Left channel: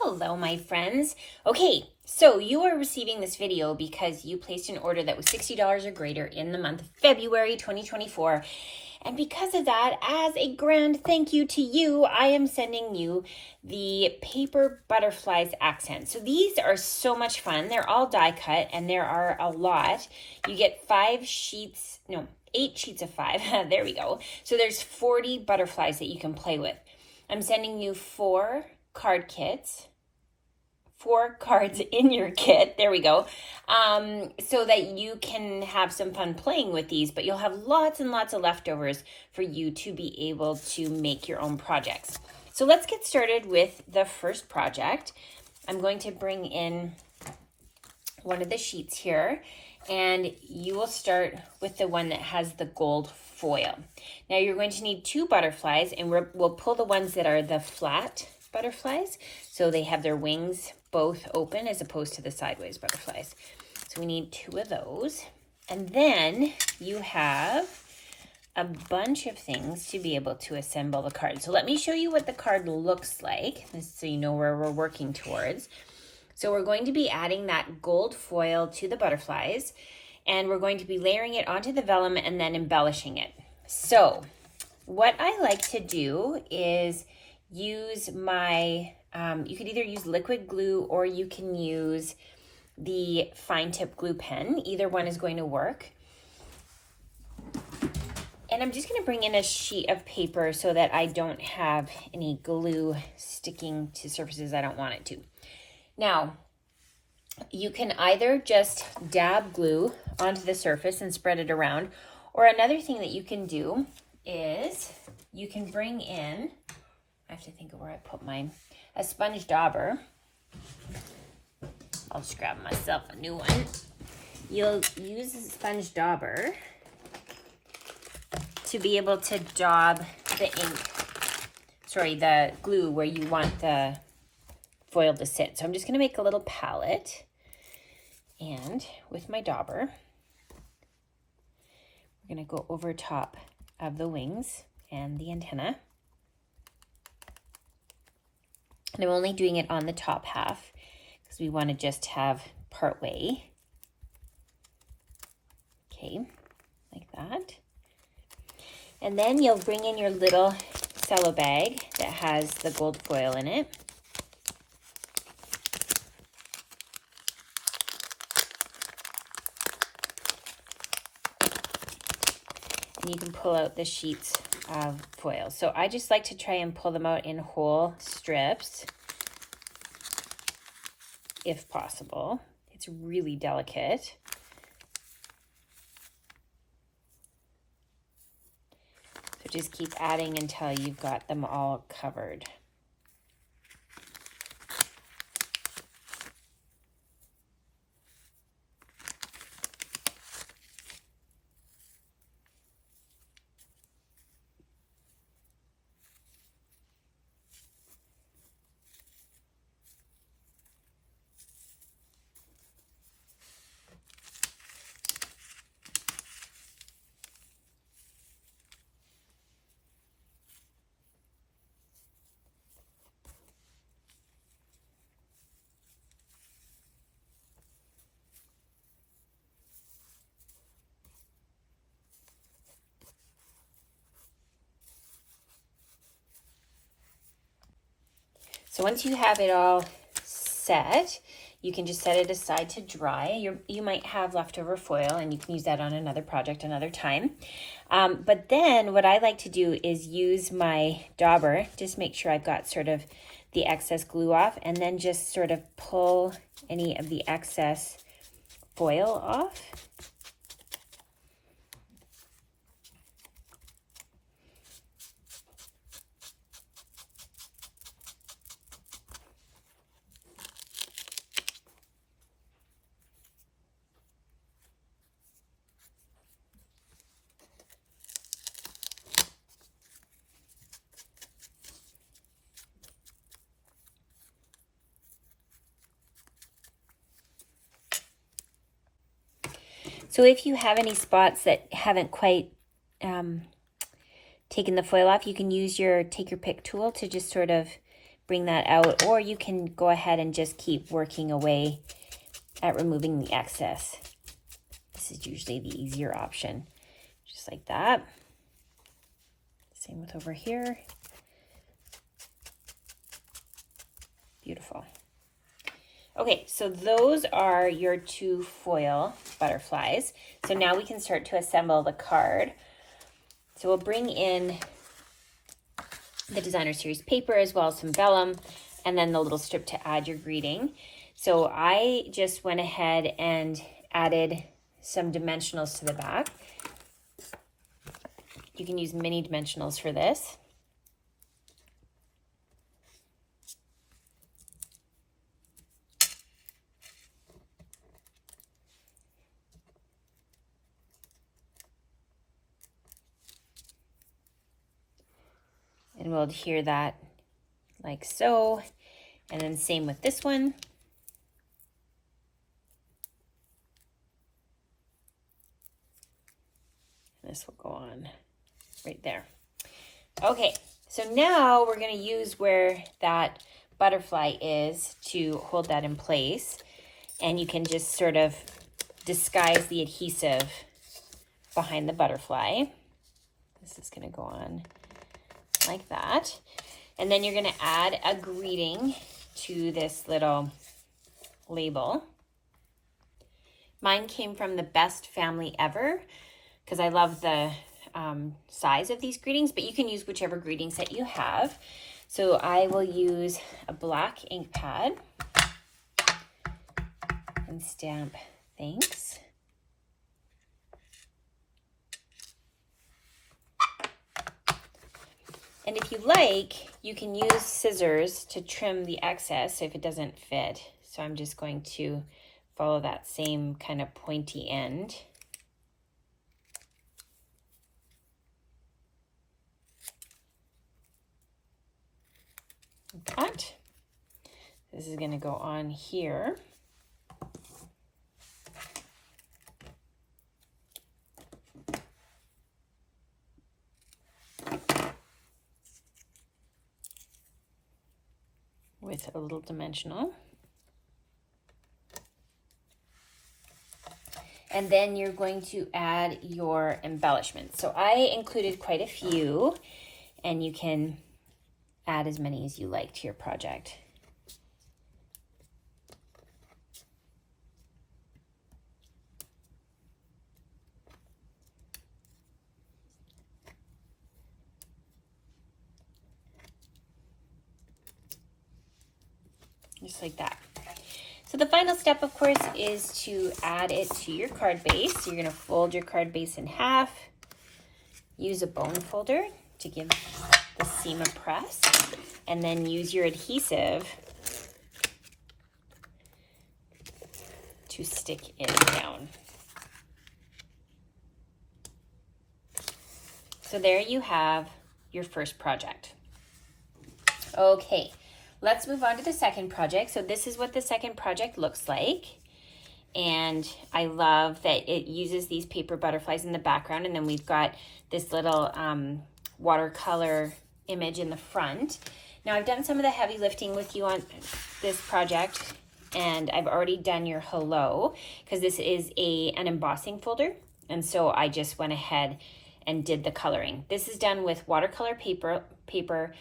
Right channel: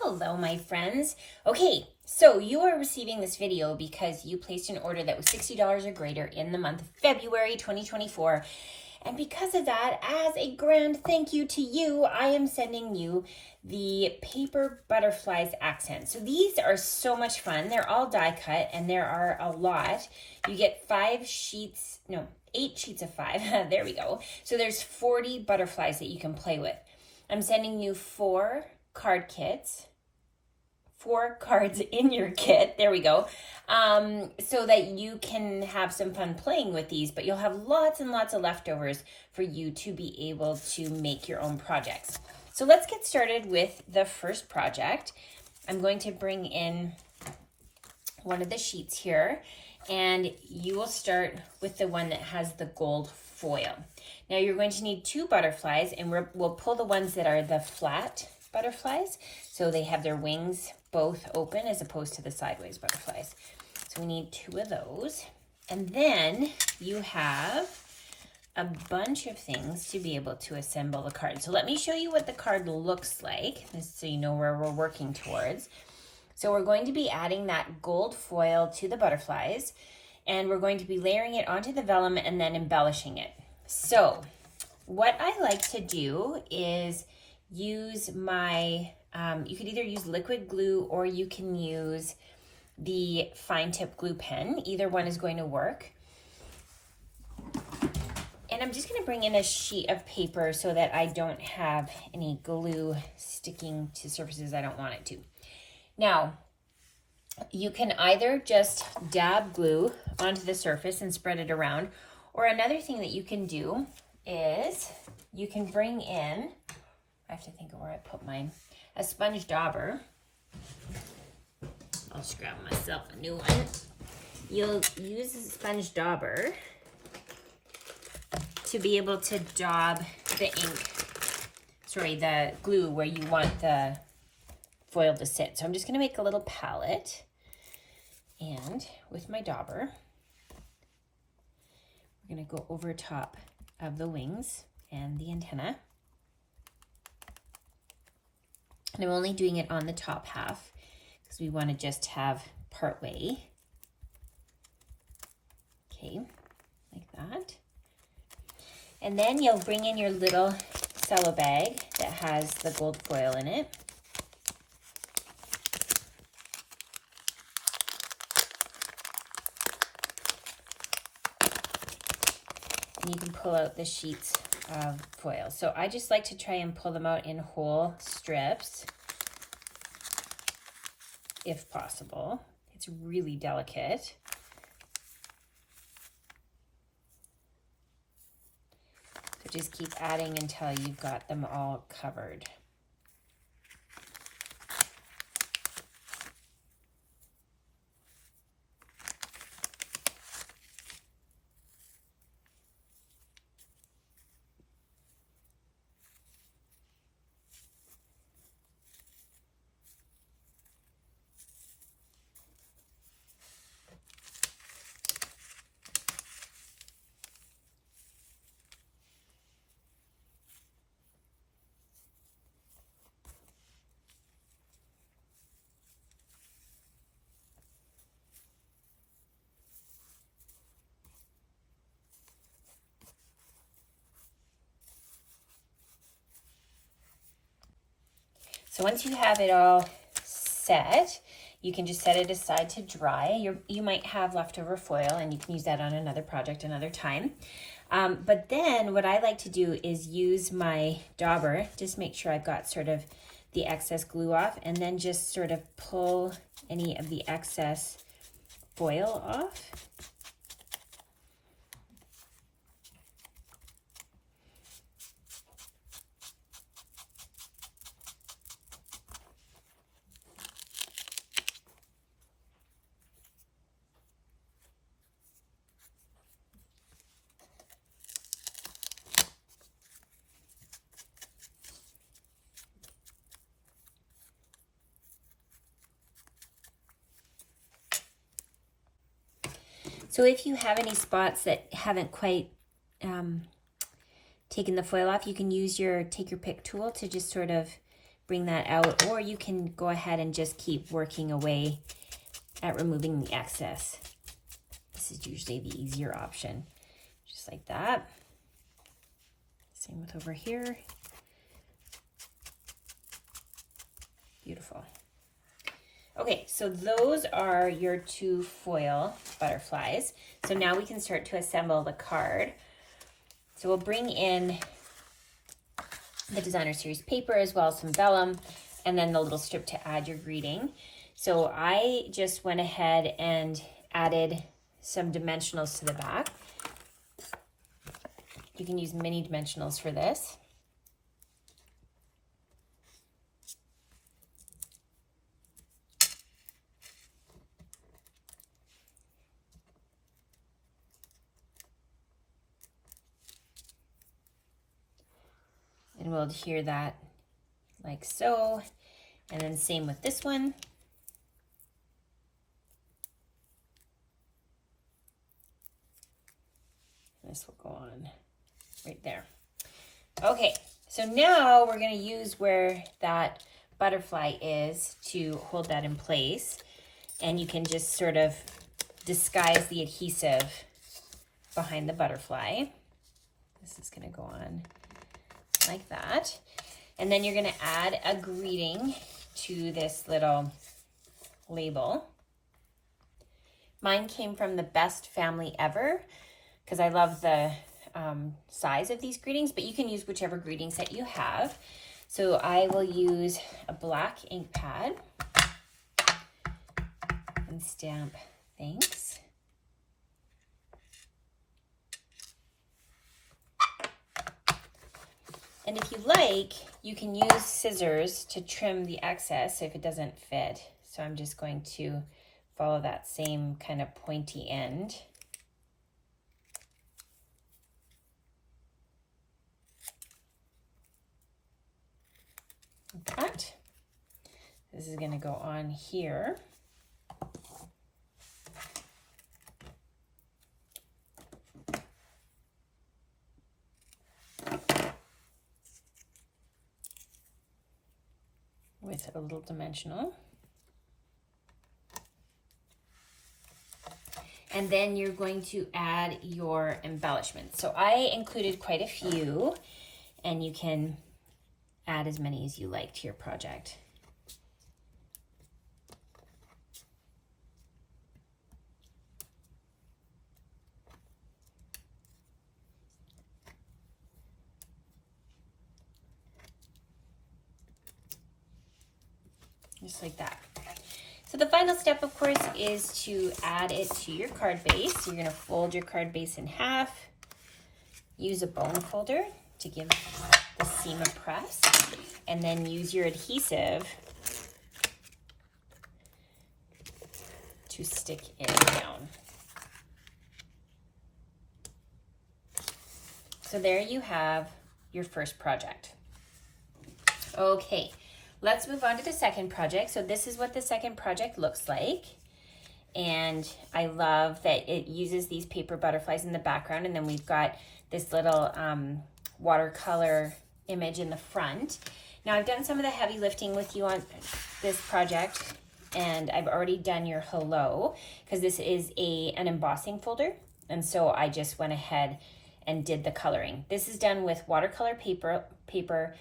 Hello, my friends. Okay, so you are receiving this video because you placed an order that was $60 or greater in the month of February 2024. And because of that, as a grand thank you to you, I am sending you the Paper Butterflies accent. So these are so much fun. They're all die cut and there are a lot. You get 8 sheets of 5. There we go. So there's 40 butterflies that you can play with. I'm sending you 4 card kits, 4 cards in your kit, there we go, so that you can have some fun playing with these, but you'll have lots and lots of leftovers for you to be able to make your own projects. So let's get started with the first project. I'm going to bring in one of the sheets here, and you will start with the one that has the gold foil. Now you're going to need 2 butterflies, and we'll pull the ones that are the flat butterflies, so they have their wings both open as opposed to the sideways butterflies. So we need 2 of those. And then you have a bunch of things to be able to assemble the card. So let me show you what the card looks like, so you know where we're working towards. So we're going to be adding that gold foil to the butterflies, and we're going to be layering it onto the vellum and then embellishing it. So what I like to do is use my, you could either use liquid glue or you can use the fine tip glue pen. Either one is going to work. And I'm just going to bring in a sheet of paper so that I don't have any glue sticking to surfaces I don't want it to. Now, you can either just dab glue onto the surface and spread it around, or another thing that you can do is you can bring in, I have to think of where I put mine, a sponge dauber. I'll just grab myself a new one. You'll use a sponge dauber to be able to daub the glue where you want the foil to sit. So I'm just going to make a little palette, and with my dauber, we're going to go over top of the wings and the antenna. And I'm only doing it on the top half because we want to just have part way. Okay, like that. And then you'll bring in your little cello bag that has the gold foil in it. And you can pull out the sheets of foil. So I just like to try and pull them out in whole strips, if possible. It's really delicate. So just keep adding until you've got them all covered. So once you have it all set, you can just set it aside to dry. You might have leftover foil, and you can use that on another project another time. But then what I like to do is use my dauber, just make sure I've got sort of the excess glue off, and then just sort of pull any of the excess foil off. So if you have any spots that haven't quite taken the foil off, you can use your take your pick tool to just sort of bring that out, or you can go ahead and just keep working away at removing the excess. This is usually the easier option, just like that. Same with over here. Beautiful. Okay, so those are your 2 foil butterflies. So now we can start to assemble the card. So we'll bring in the Designer Series paper as well as some vellum, and then the little strip to add your greeting. So I just went ahead and added some dimensionals to the back. You can use mini dimensionals for this. And we'll adhere that like so. And then same with this one. This will go on right there. Okay, so now we're going to use where that butterfly is to hold that in place. And you can just sort of disguise the adhesive behind the butterfly. This is going to go on like that. And then you're going to add a greeting to this little label. Mine came from the Best Family Ever because I love the size of these greetings, but you can use whichever greeting set you have. So I will use a black ink pad and stamp thanks. And if you like, you can use scissors to trim the excess if it doesn't fit. So I'm just going to follow that same kind of pointy end. Like that. This is going to go on here. With a little dimensional. And then you're going to add your embellishments. So I included quite a few, and you can add as many as you like to your project. Just like that. So the final step, of course, is to add it to your card base. So you're going to fold your card base in half. Use a bone folder to give the seam a press. And then use your adhesive to stick it down. So there you have your first project. Okay. Let's move on to the second project. So this is what the second project looks like. And I love that it uses these paper butterflies in the background. And then we've got this little watercolor image in the front. Now I've done some of the heavy lifting with you on this project. And I've already done your hello because this is an embossing folder. And so I just went ahead and did the coloring. This is done with watercolor paper,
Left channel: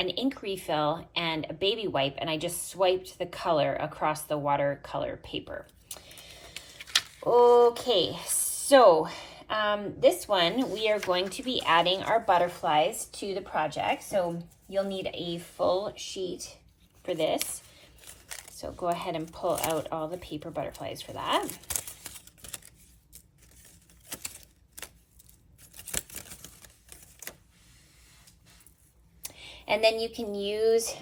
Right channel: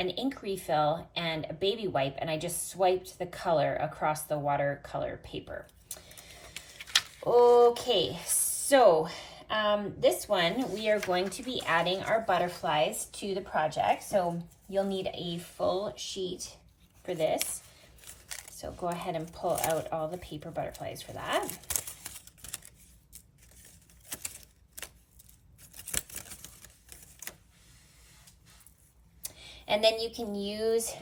an ink refill, and a baby wipe, and I just swiped the color across the watercolor paper. Okay, so this one, we are going to be adding our butterflies to the project. So you'll need a full sheet for this. So go ahead and pull out all the paper butterflies for that. And then you can use,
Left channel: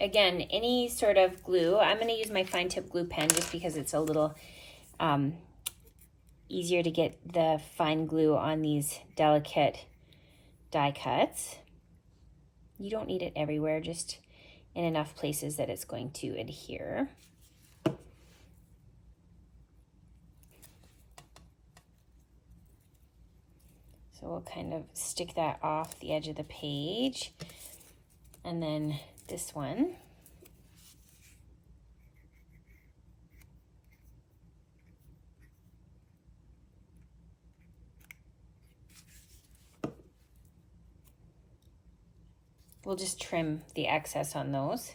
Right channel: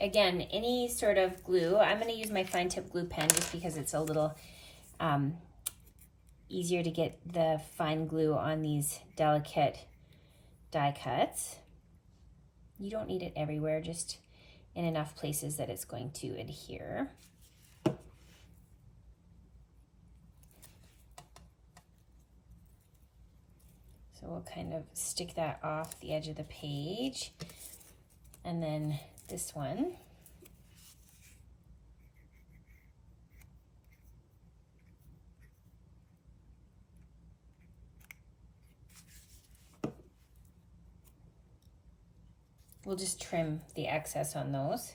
again, any sort of glue. I'm going to use my fine tip glue pen just because it's a little easier to get the fine glue on these delicate die cuts. You don't need it everywhere, just in enough places that it's going to adhere. So we'll kind of stick that off the edge of the page. And then this one. We'll just trim the excess on those.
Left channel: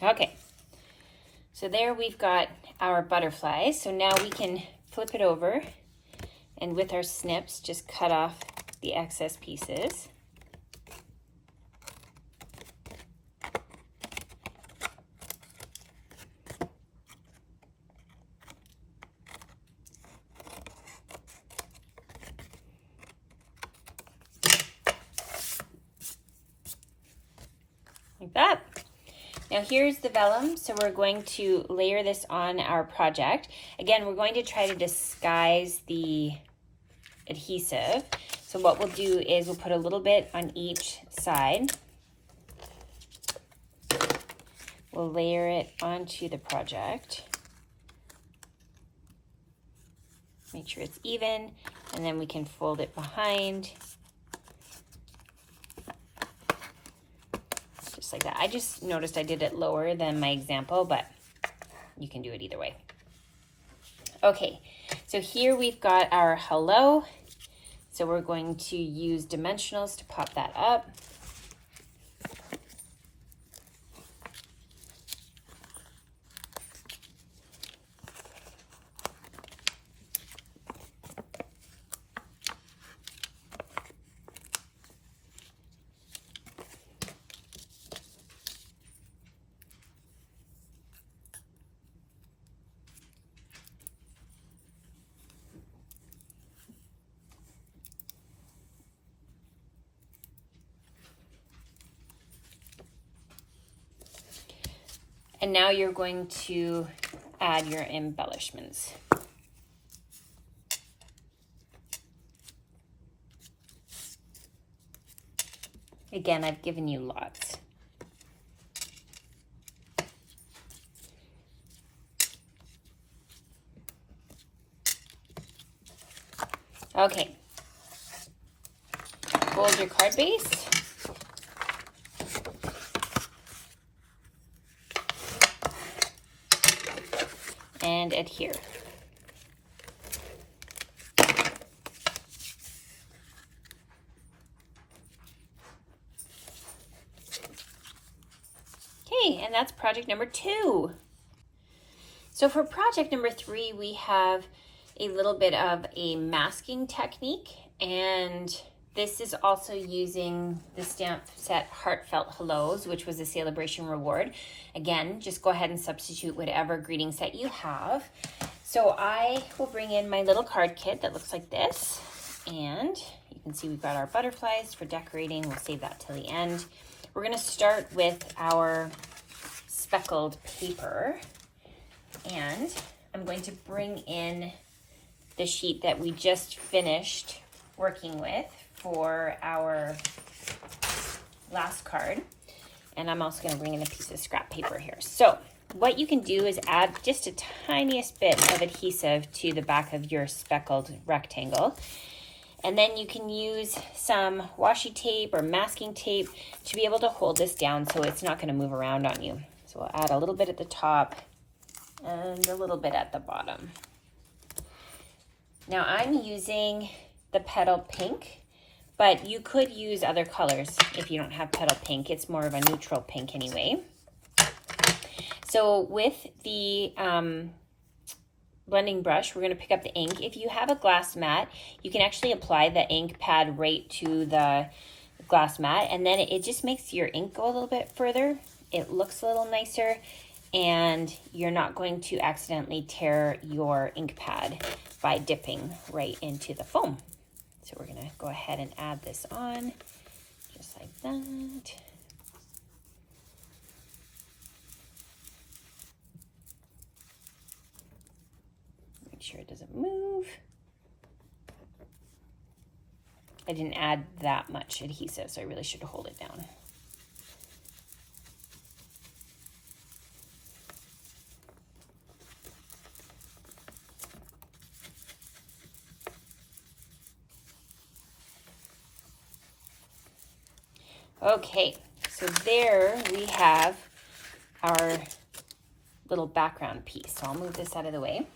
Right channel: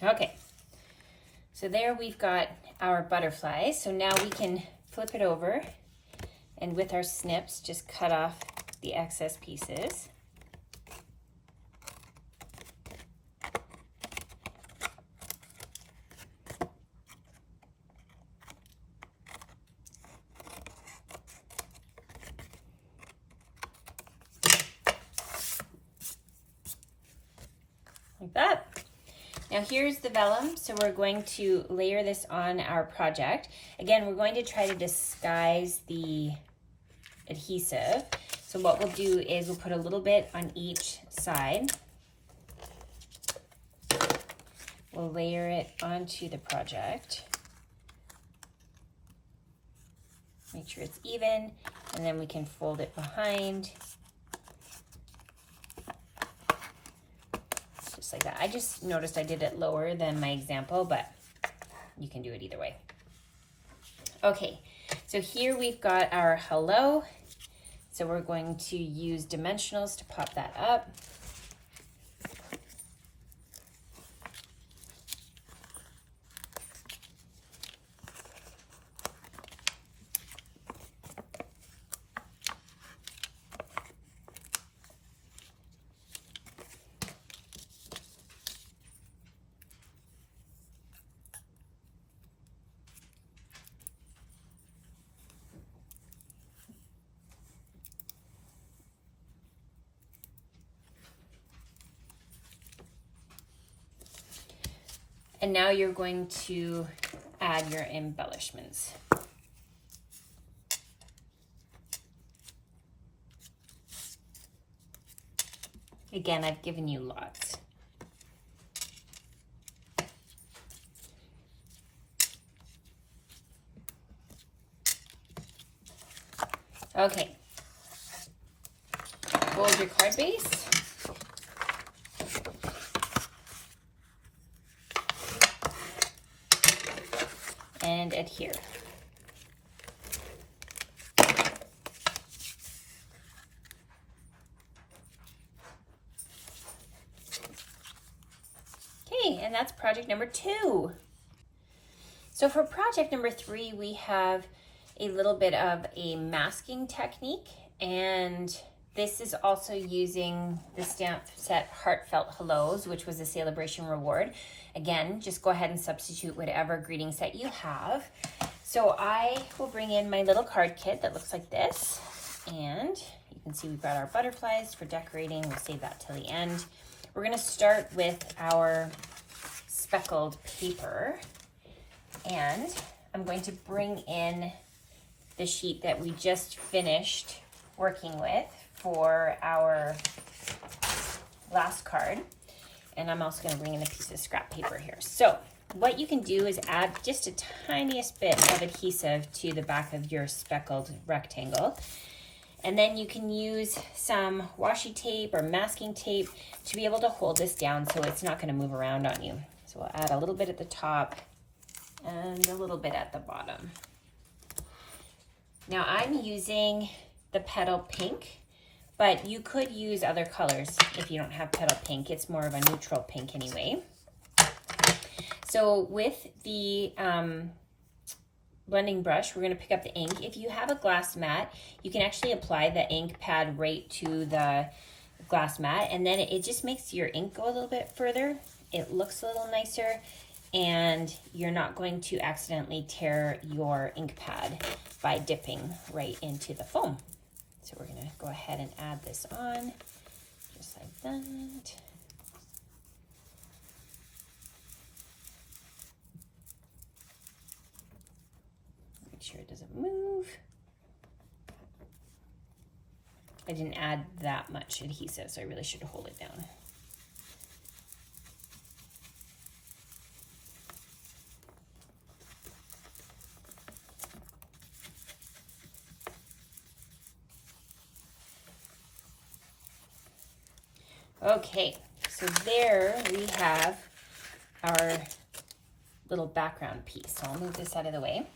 Okay, so there we've got our butterflies. So now we can flip it over and with our snips, just cut off the excess pieces. Like that. Now here's the vellum, so we're going to layer this on our project. Again, we're going to try to disguise the adhesive. So what we'll do is we'll put a little bit on each side. We'll layer it onto the project. Make sure it's even, and then we can fold it behind. Just like that. I just noticed I did it lower than my example, but you can do it either way. Okay, so here we've got our hello. So we're going to use dimensionals to pop that up. And now you're going to add your embellishments. Again, I've given you lots. Okay. Fold your card base. And adhere. Okay, and that's project number 2. So for project number 3, we have a little bit of a masking technique, and this is also using the stamp set Heartfelt Hellos, which was a Celebration reward. Again, just go ahead and substitute whatever greeting set you have. So I will bring in my little card kit that looks like this, and you can see we've got our butterflies for decorating. We'll save that till the end. We're gonna start with our speckled paper, and I'm going to bring in the sheet that we just finished working with for our last card. And I'm also going to bring in a piece of scrap paper here. So what you can do is add just a tiniest bit of adhesive to the back of your speckled rectangle. And then you can use some washi tape or masking tape to be able to hold this down so it's not going to move around on you. So we'll add a little bit at the top and a little bit at the bottom. Now I'm using the Petal Pink, but you could use other colors if you don't have Petal Pink. It's more of a neutral pink anyway. So with the blending brush, we're going to pick up the ink. If you have a glass mat, you can actually apply the ink pad right to the glass mat, and then it just makes your ink go a little bit further. It looks a little nicer, and you're not going to accidentally tear your ink pad by dipping right into the foam. So we're going to go ahead and add this on just like that. Make sure it doesn't move. I didn't add that much adhesive, so I really should hold it down. Okay, so there we have our little background piece. So I'll move this out of the way.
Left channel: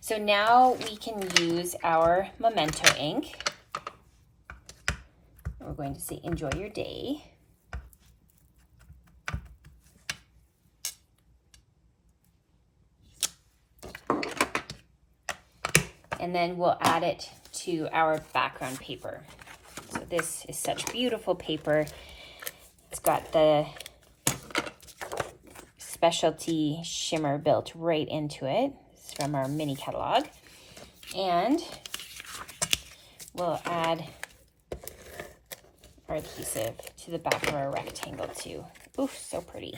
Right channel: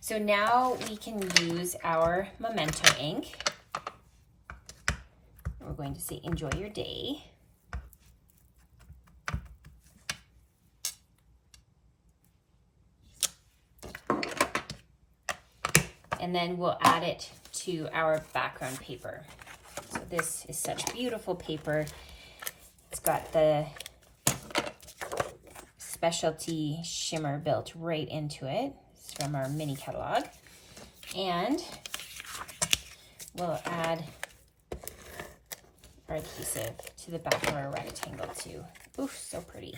So now we can use our Memento ink. We're going to say, enjoy your day. And then we'll add it to our background paper. So this is such beautiful paper. It's got the specialty shimmer built right into it. It's from our mini catalog. And we'll add our adhesive to the back of our rectangle too. Oof, so pretty.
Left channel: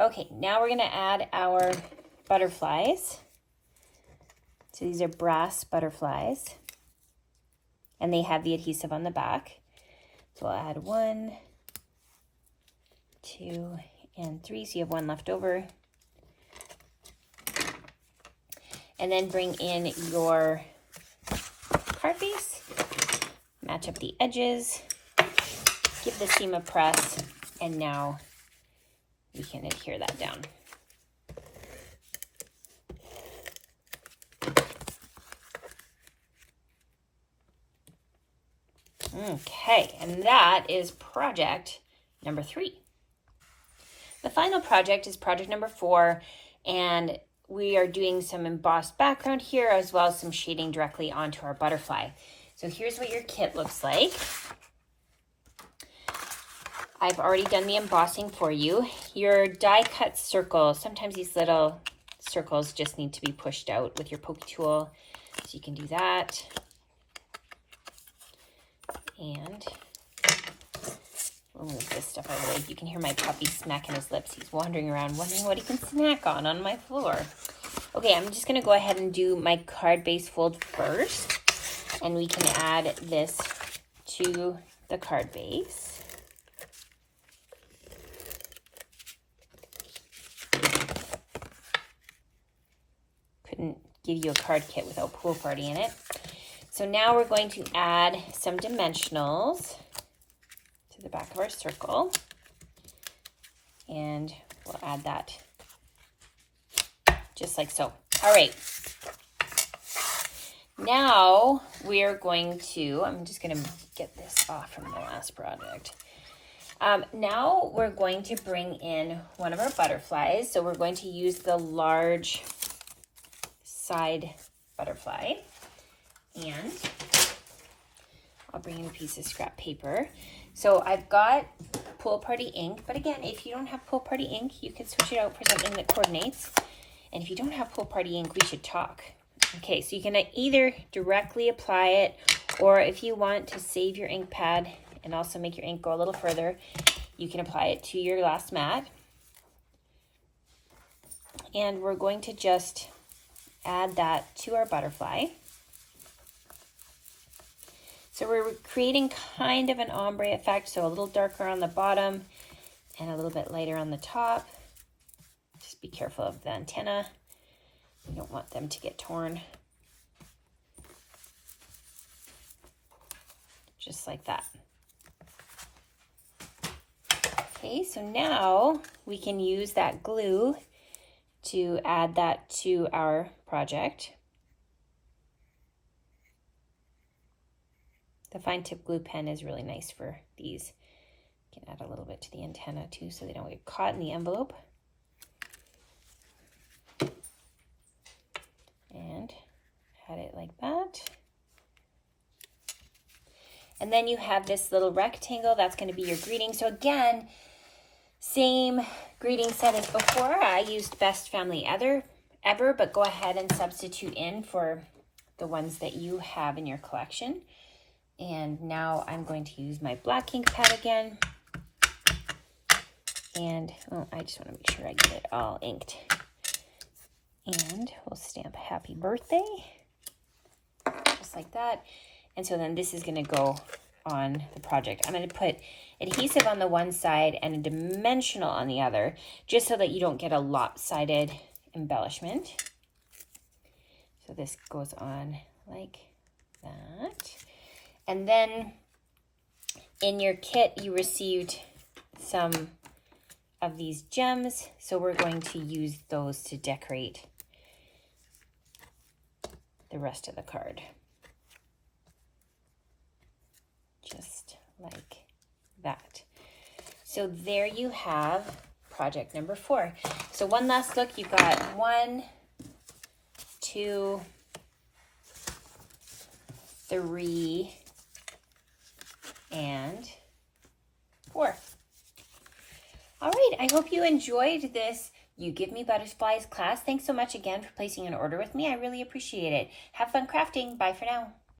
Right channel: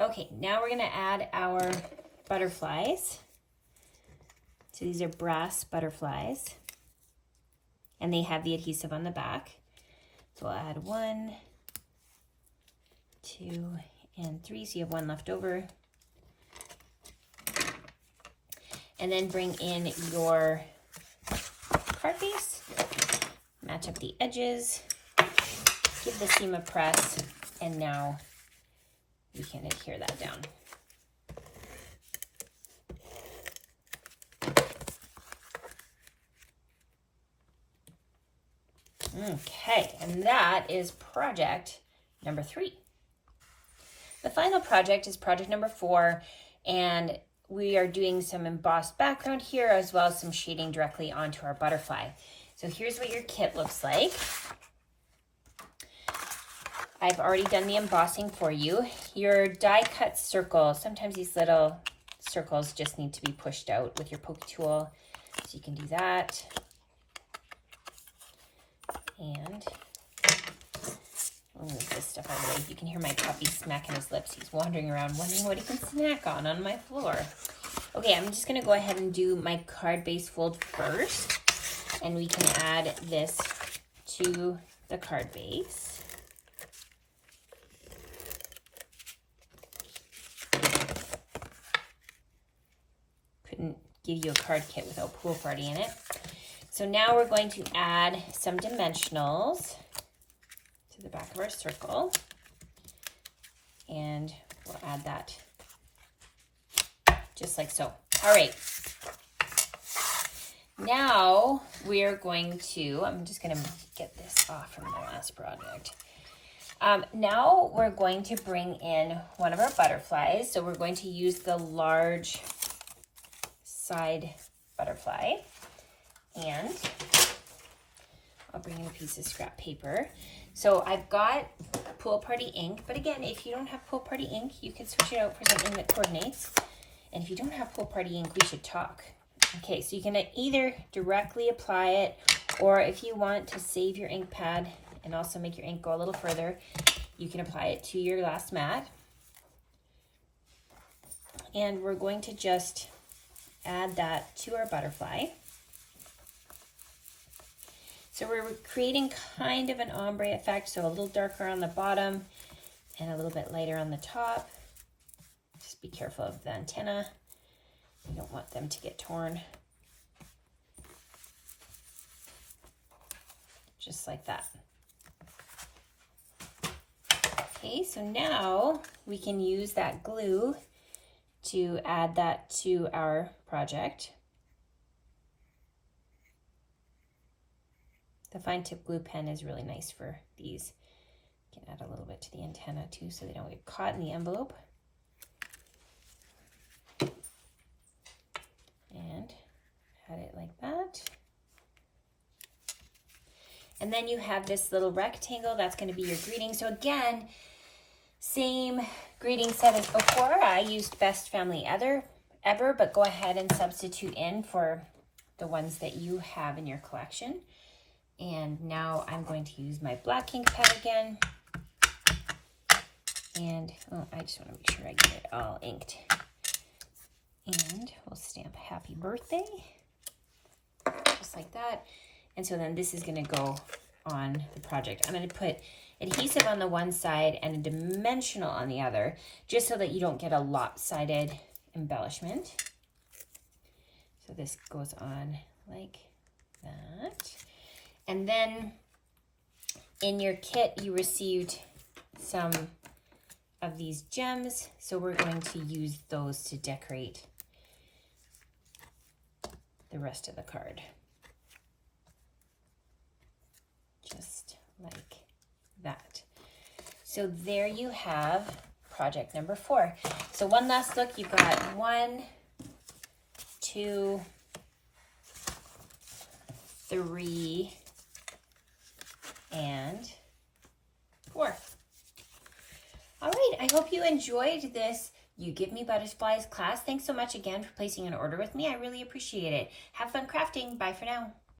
Okay, now we're gonna add our butterflies. So these are brass butterflies, and they have the adhesive on the back. So we'll add 1, 2, and 3, so you have 1 left over. And then bring in your card base, match up the edges, give the seam a press, and now we can adhere that down. Okay, and that is project number 3. The final project is project number 4, and we are doing some embossed background here as well as some shading directly onto our butterfly. So here's what your kit looks like. I've already done the embossing for you. Your die cut circle, sometimes these little circles just need to be pushed out with your pokey tool, so you can do that. And we'll move this stuff out of the way. You can hear my puppy smacking his lips. He's wandering around wondering what he can snack on my floor. Okay, I'm just going to go ahead and do my card base fold first. And we can add this to the card base. Couldn't give you a card kit without Pool Party in it. So now we're going to add some dimensionals to the back of our circle, and we'll add that just like so. All right. Now we're going to, I'm just going to get this off from the last project. Now we're going to bring in one of our butterflies. So we're going to use the large side butterfly. And I'll bring in a piece of scrap paper. So I've got Pool Party ink, but again, if you don't have Pool Party ink, you can switch it out for something that coordinates. And if you don't have Pool Party ink, we should talk. Okay, so you can either directly apply it, or if you want to save your ink pad and also make your ink go a little further, you can apply it to your glass mat. And we're going to just add that to our butterfly. So we're creating kind of an ombre effect, so a little darker on the bottom and a little bit lighter on the top. Just be careful of the antenna. You don't want them to get torn. Just like that. Okay, so now we can use that glue to add that to our project. The fine tip glue pen is really nice for these. You can add a little bit to the antenna too so they don't get caught in the envelope. cut it like that. And then you have this little rectangle. That's going to be your greeting. So again, same greeting set as before. I used Best Family Ever, but go ahead and substitute in for the ones that you have in your collection. And now I'm going to use my black ink pad again. And I just want to make sure I get it all inked. And we'll stamp happy birthday, just like that. And so then this is going to go on the project. I'm going to put adhesive on the one side and a dimensional on the other, just so that you don't get a lopsided embellishment. So this goes on like that. And then in your kit, you received some of these gems. So we're going to use those to decorate the rest of the card. Just like that. So there you have project number 4. So one last look. You've got 1, 2, 3, and 4. All right, I hope you enjoyed this You Give Me Butterflies class. Thanks so much again for placing an order with me. I really appreciate it. Have fun crafting. Bye for now.